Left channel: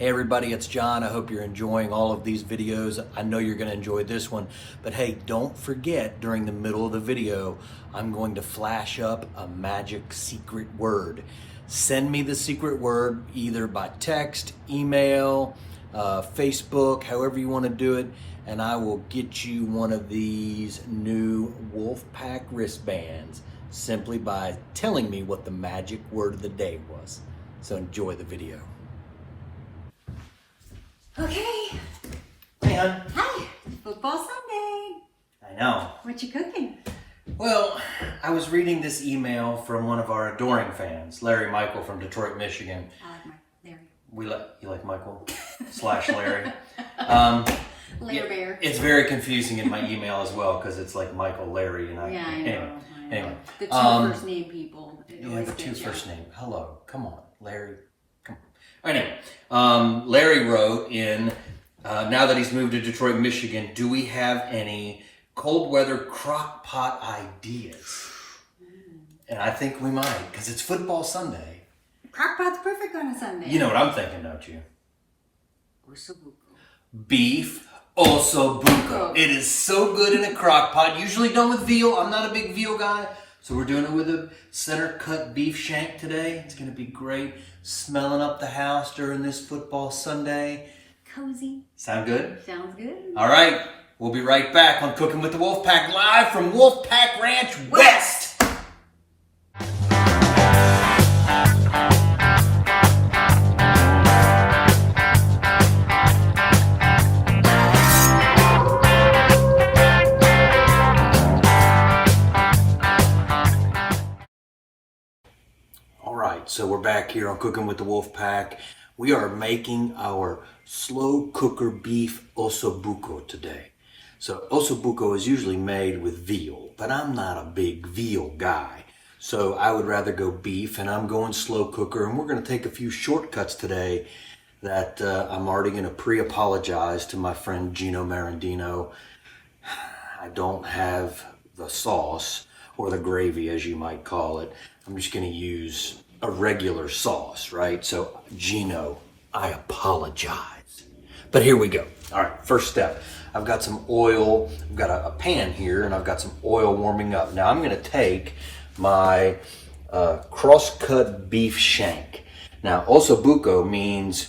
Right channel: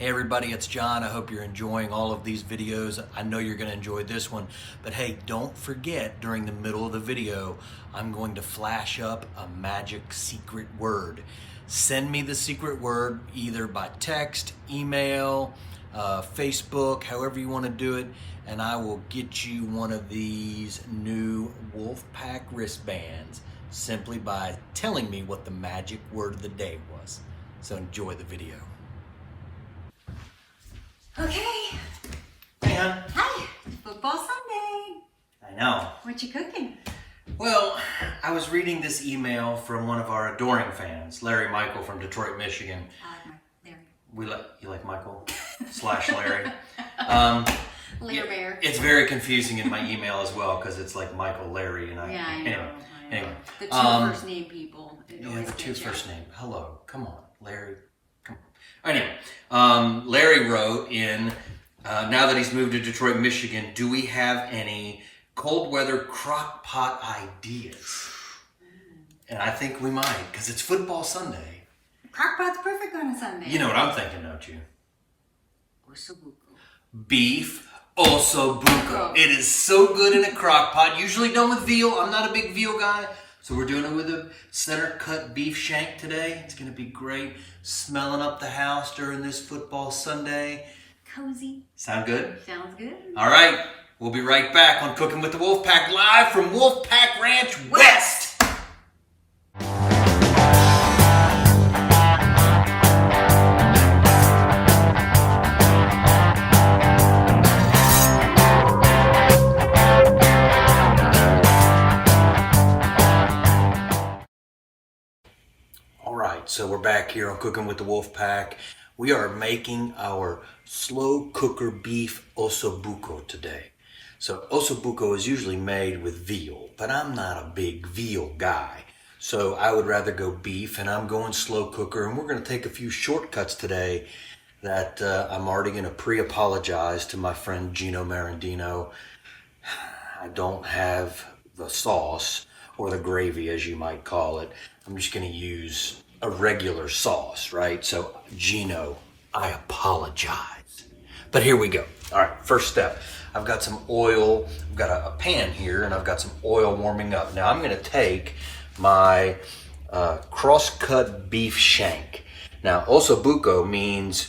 Hey everybody, it's John. I hope you're enjoying all of these videos. I know you're gonna enjoy this one, but hey, don't forget during the middle of the video, I'm going to flash up a magic secret word. Send me the secret word either by text, email, Facebook, however you wanna do it, and I will get you one of these new Wolfpack wristbands simply by telling me what the magic word of the day was. So enjoy the video. Okay. Hey, hon. Hi. Football Sunday. I know. What you cooking? Well, I was reading this email from one of our adoring fans, Larry Michael from Detroit, Michigan. I like Larry. You like Michael / Larry? Larry Bear. It's very confusing in my email as well because it's like Michael, Larry, and Yeah, I know. Anyway, the two first name people. Yeah, the two first name. Hello, come on, Larry. Come on. Anyway, Larry wrote in, now that he's moved to Detroit, Michigan, do we have any cold weather crock pot ideas? And I think we might, because it's football Sunday. Crock pot's perfect on a Sunday. You know what I'm thinking, don't you? Osso Bucco. Beef Osso Bucco. It is so good in a crock pot, usually done with veal. I'm not a big veal guy, so we're doing it with a center cut beef shank today. It's gonna be great. Smelling up the house during this football Sunday. Cozy. Sound good? Sounds good. All right, we'll be right back on Cooking with the Wolfpack, live from Wolfpack Ranch West. So we're back here on Cooking with the Wolfpack. We are making our slow cooker beef Osso Bucco today. So Osso Bucco is usually made with veal, but I'm not a big veal guy. So I would rather go beef, and I'm going slow cooker, and we're gonna take a few shortcuts today that I'm already gonna pre-apologize to my friend Gino Marandino. I don't have the sauce, or the gravy as you might call it. I'm just gonna use a regular sauce, right? So Gino, I apologize. But here we go. All right, first step. I've got some oil. I've got a pan here, and I've got some oil warming up. Now I'm gonna take my cross-cut beef shank. Now, Osso Bucco means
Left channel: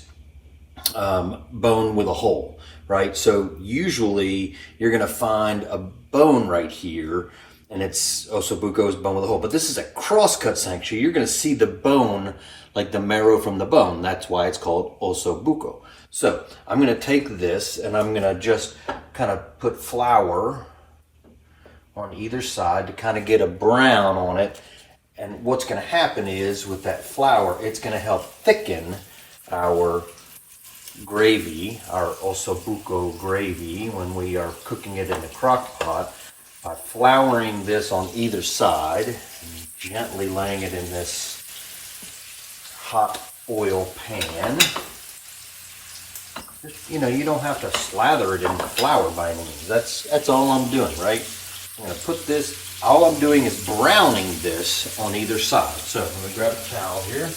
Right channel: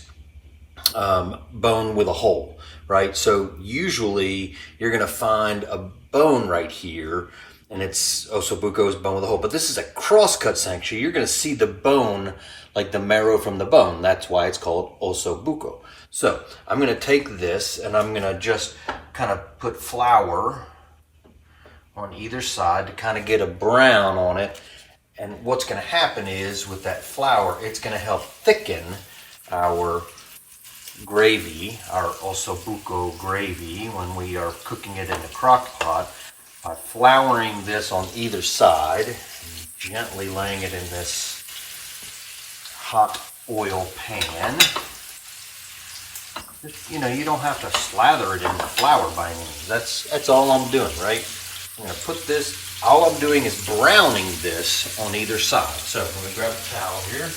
bone with a hole, right? So usually you're gonna find a bone right here, and it's Osso Bucco's bone with a hole. But this is a cross-cut shank, so you're gonna see the bone, like the marrow from the bone. That's why it's called Osso Bucco. So I'm gonna take this, and I'm gonna just kind of put flour on either side to kind of get a brown on it. And what's gonna happen is, with that flour, it's gonna help thicken our gravy, our Osso Bucco gravy, when we are cooking it in the crock pot. By flouring this on either side and gently laying it in this hot oil pan. You know, you don't have to slather it in the flour by any means. That's all I'm doing, right? I'm gonna put this, all I'm doing is browning this on either side. So I'm gonna grab a towel here.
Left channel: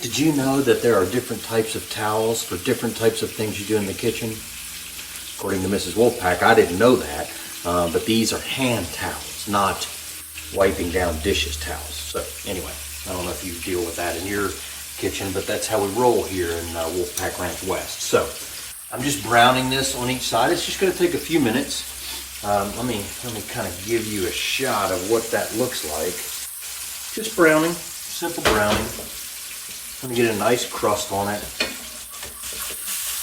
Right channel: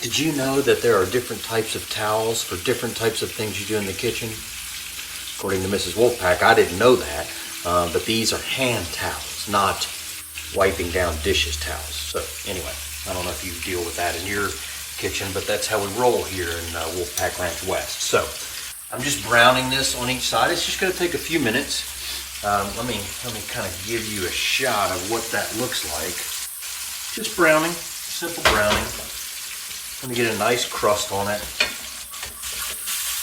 Did you know that there are different types of towels for different types of things you do in the kitchen? According to Mrs. Wolfpack, I didn't know that, but these are hand towels, not wiping down dishes towels. So anyway, I don't know if you deal with that in your kitchen, but that's how we roll here in Wolfpack Ranch West. So I'm just browning this on each side. It's just gonna take a few minutes. Let me kind of give you a shot of what that looks like. Just browning, simple browning. Let me get a nice crust on it.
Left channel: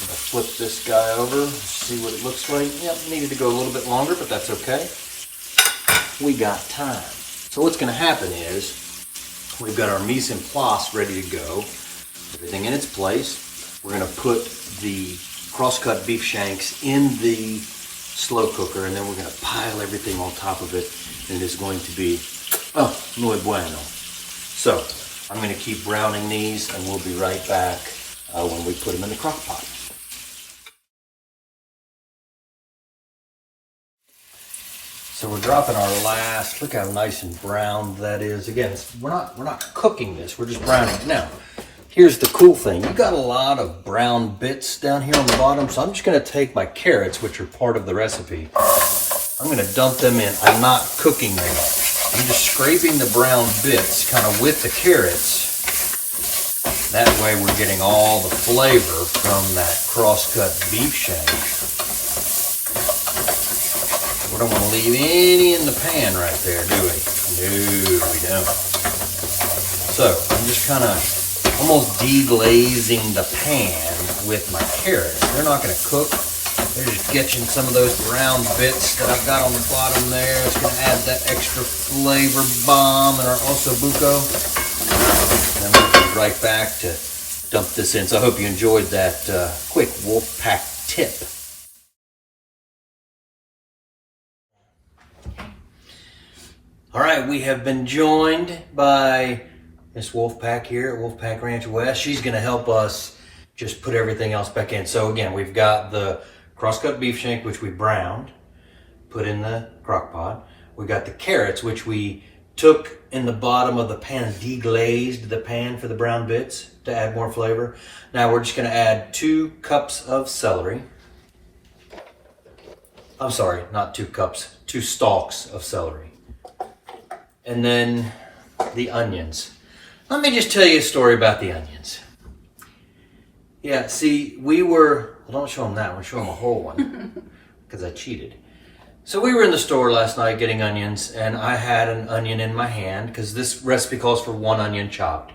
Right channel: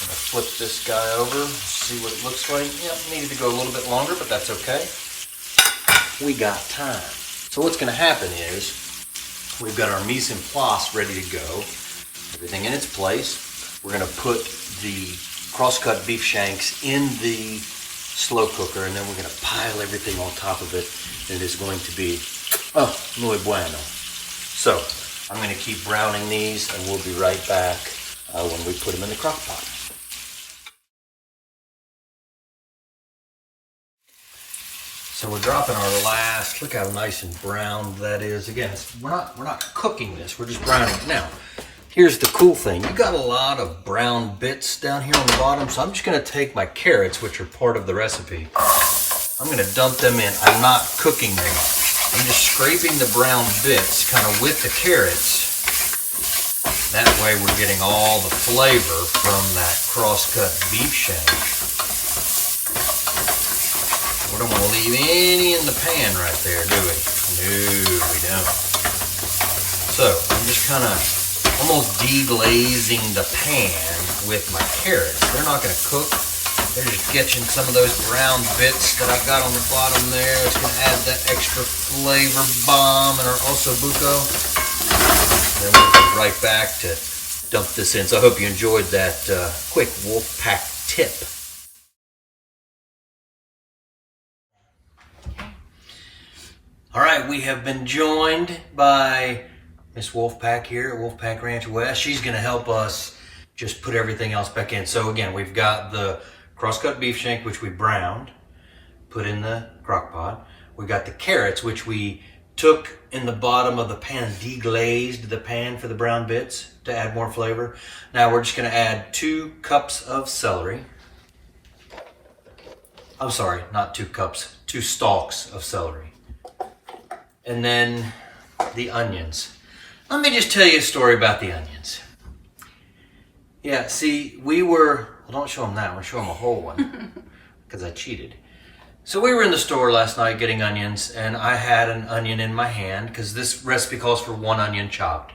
I'm gonna flip this guy over, see what it looks like. Yep, needed to go a little bit longer, but that's okay. We got time. So what's gonna happen is, we've got our mise en place ready to go. Everything in its place. We're gonna put the cross-cut beef shanks in the slow cooker, and then we're gonna pile everything on top of it, and it is going to be, oh, muy bueno. So, I'm gonna keep browning these, and we'll be right back when we put them in the crock pot. So we're dropping our last, look how nice and brown that is. Again, we're not cooking this, we're just browning it. Now, here's the cool thing. You got a lot of brown bits down here on the bottom, so I'm just gonna take my carrots, which are part of the recipe. I'm gonna dump them in. I'm not cooking them. I'm just scraping the brown bits kind of with the carrots. That way we're getting all the flavor from that cross-cut beef shank. We don't want to leave any in the pan right there, do we? No, we don't. So I'm just kind of almost deglazing the pan with my carrots. They're not going to cook. They're just getting some of those brown bits that I've got on the bottom there. It's going to add that extra flavor bomb in our Osso Bucco. And then we'll go right back to dump this in. So I hope you enjoyed that quick Wolfpack tip. All right, we have been joined by Miss Wolfpack here at Wolfpack Ranch West. She's going to help us just put everything else back in. So again, we've got the cross-cut beef shank, which we browned, put in the crock pot. We got the carrots, which we took in the bottom of the pan and deglazed the pan for the brown bits to add more flavor. Now we're just going to add 2 cups of celery. I'm sorry, not 2 cups, 2 stalks of celery. And then the onions. Let me just tell you a story about the onions. Yeah, see, well, don't show them that one, show them a whole one, because I cheated. So we were in the store last night getting onions, and I had an onion in my hand, because this recipe calls for 1 onion chopped.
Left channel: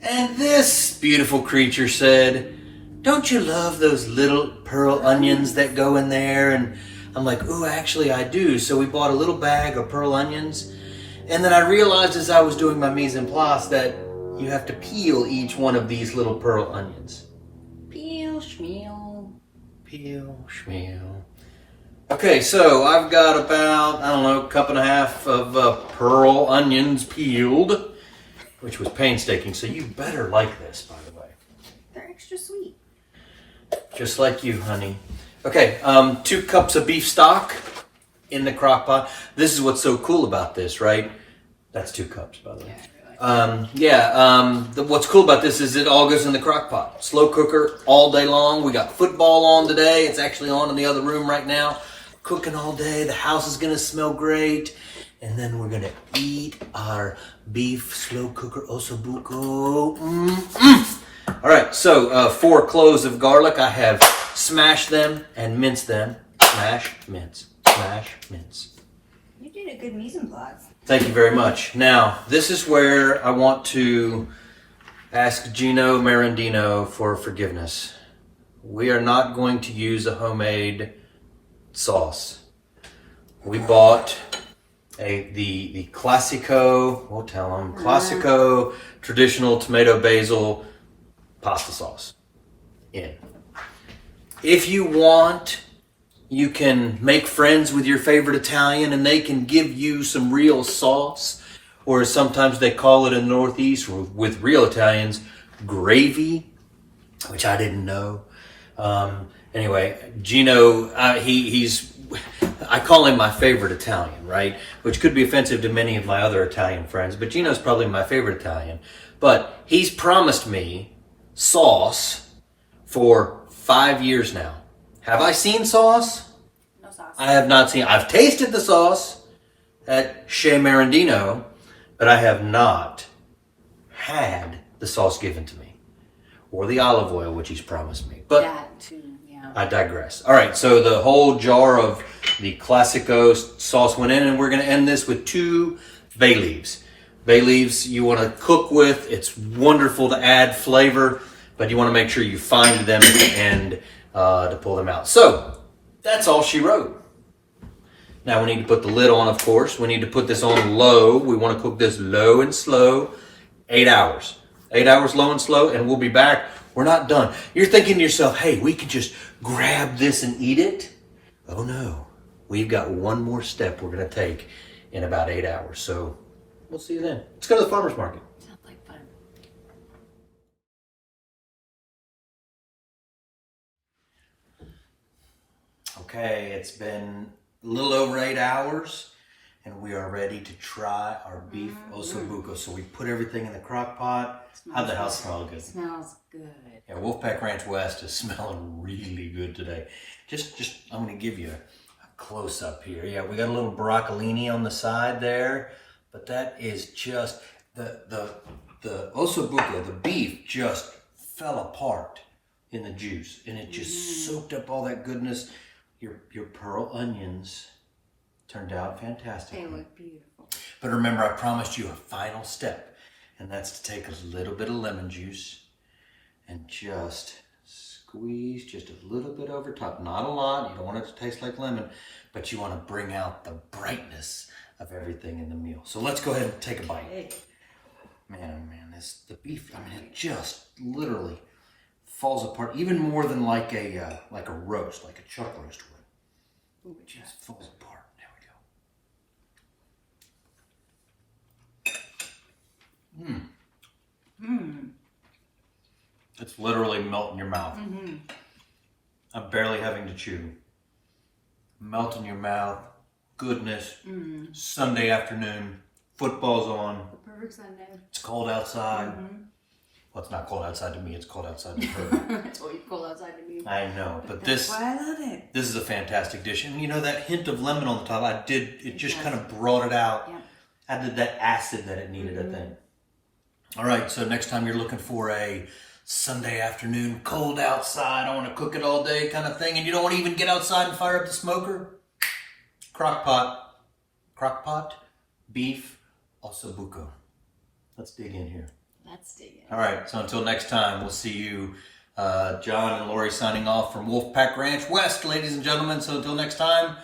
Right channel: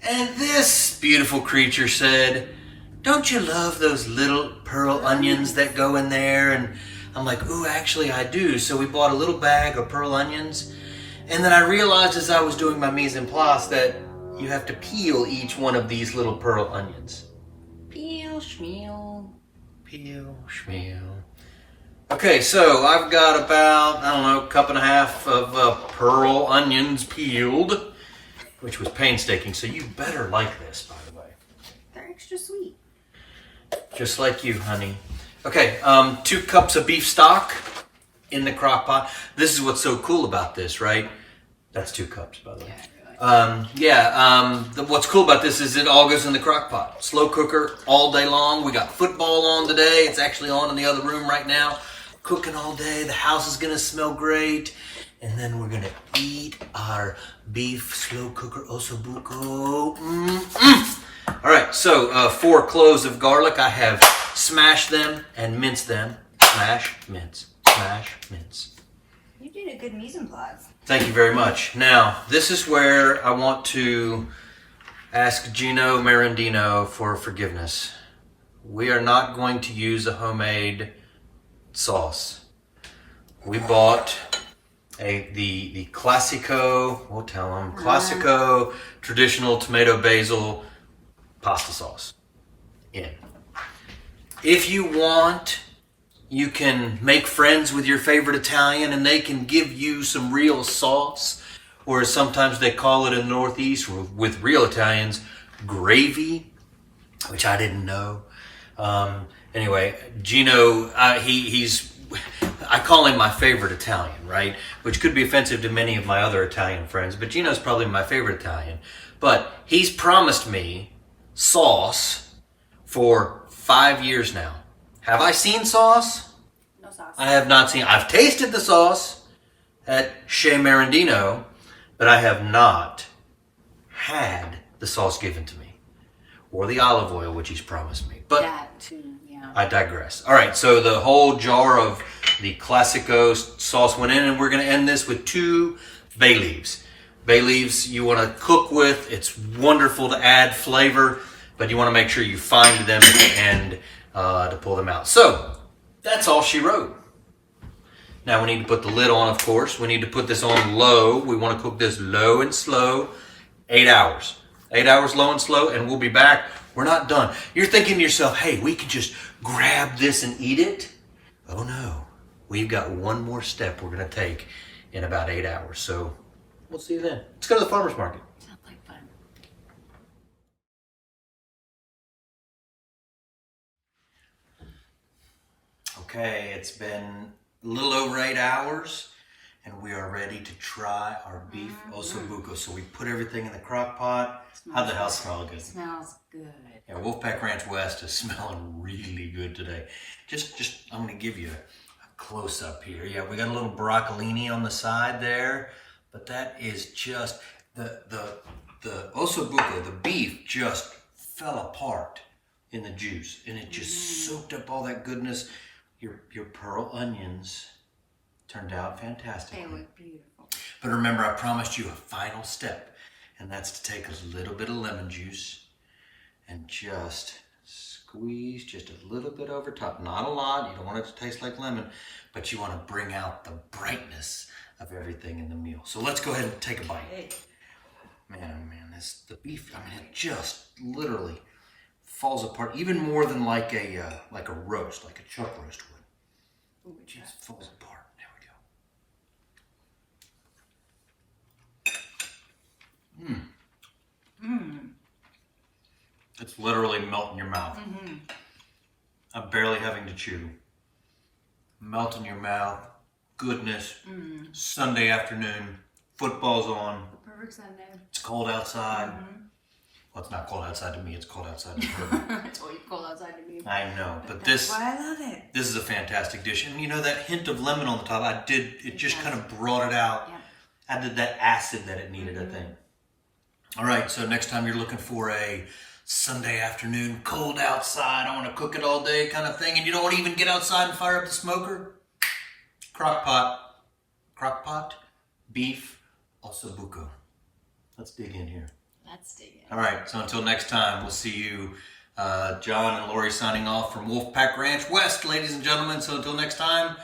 And this beautiful creature said, "Don't you love those little pearl onions that go in there?" And I'm like, "Ooh, actually I do." So we bought a little bag of pearl onions. And then I realized as I was doing my mise en place that you have to peel each one of these little pearl onions. Peel, schmeal. Peel, schmeal. Okay, so I've got about, I don't know, 1.5 cups of pearl onions peeled, which was painstaking. So you better like this, by the way. They're extra sweet. Just like you, honey. Okay, 2 cups of beef stock in the crock pot. This is what's so cool about this, right? That's 2 cups, by the way. What's cool about this is it all goes in the crock pot. Slow cooker all day long. We got football on today. It's actually on in the other room right now. Cooking all day. The house is gonna smell great. And then we're gonna eat our beef slow cooker Osso Bucco. All right, so 4 cloves of garlic. I have smashed them and minced them. Smash, mince. Smash, mince. You did a good mise en place. Thank you very much. Now, this is where I want to ask Gino Marandino for forgiveness. We are not going to use a homemade sauce. We bought the Classico, we'll tell them, Classico traditional tomato basil pasta sauce in. If you want, you can make friends with your favorite Italian and they can give you some real sauce, or as sometimes they call it in the Northeast with real Italians, gravy, which I didn't know. Anyway, Gino, I call him my favorite Italian, right? Which could be offensive to many of my other Italian friends, but Gino's probably my favorite Italian. But he's promised me sauce for 5 years now. Have I seen sauce? No sauce. I have not seen. I've tasted the sauce at Chez Marandino, but I have not had the sauce given to me, or the olive oil, which he's promised me. But That too, yeah. I digress. All right, so the whole jar of the Classico sauce went in, and we're going to end this with 2 bay leaves. Bay leaves you want to cook with. It's wonderful to add flavor, but you want to make sure you find them at the end to pull them out. So that's all she wrote. Now we need to put the lid on, of course. We need to put this on low. We want to cook this low and slow, 8 hours. 8 hours low and slow, and we'll be back. We're not done. You're thinking to yourself, hey, we could just grab this and eat it. Oh no, we've got one more step we're going to take in about 8 hours. So we'll see you then. Let's go to the farmer's market. Sounds like fun. Okay, it's been a little over 8 hours, and we are ready to try our beef Osso Bucco. So we put everything in the crock pot. How'd the house smell good? It smells good. Yeah, Wolfpack Ranch West is smelling really good today. I'm gonna give you a close up here. Yeah, we got a little broccolini on the side there, but that is just the Osso Bucco, the beef just fell apart in the juice, and it just soaked up all that goodness. Your pearl onions turned out fantastic. They look beautiful. But remember, I promised you a final step, and that's to take a little bit of lemon juice and just squeeze just a little bit over top. Not a lot. You don't want it to taste like lemon, but you want to bring out the brightness of everything in the meal. So let's go ahead and take a bite. Man, oh man, the beef, I mean, it just literally falls apart, even more than like a roast, like a chuck roast would. It just falls apart. There we go. It's literally melting in your mouth. I'm barely having to chew. Melt in your mouth. Goodness. Sunday afternoon. Football's on. Perfect Sunday. It's cold outside. Well, it's not cold outside to me. It's cold outside to her. That's what you cold outside to me. I know, but That's why I love it. this is a fantastic dish. And you know that hint of lemon on the top, it just kind of brought it out. Yeah. Added that acid that it needed, I think. All right, so next time you're looking for a Sunday afternoon, cold outside, I want to cook it all day kind of thing, and you don't want to even get outside and fire up the smoker, crock pot, beef, Osso Bucco. Let's dig in here. Let's dig in. All right, so until next time, we'll see you. John and Lori signing off from Wolfpack Ranch West, ladies and gentlemen. So until next time,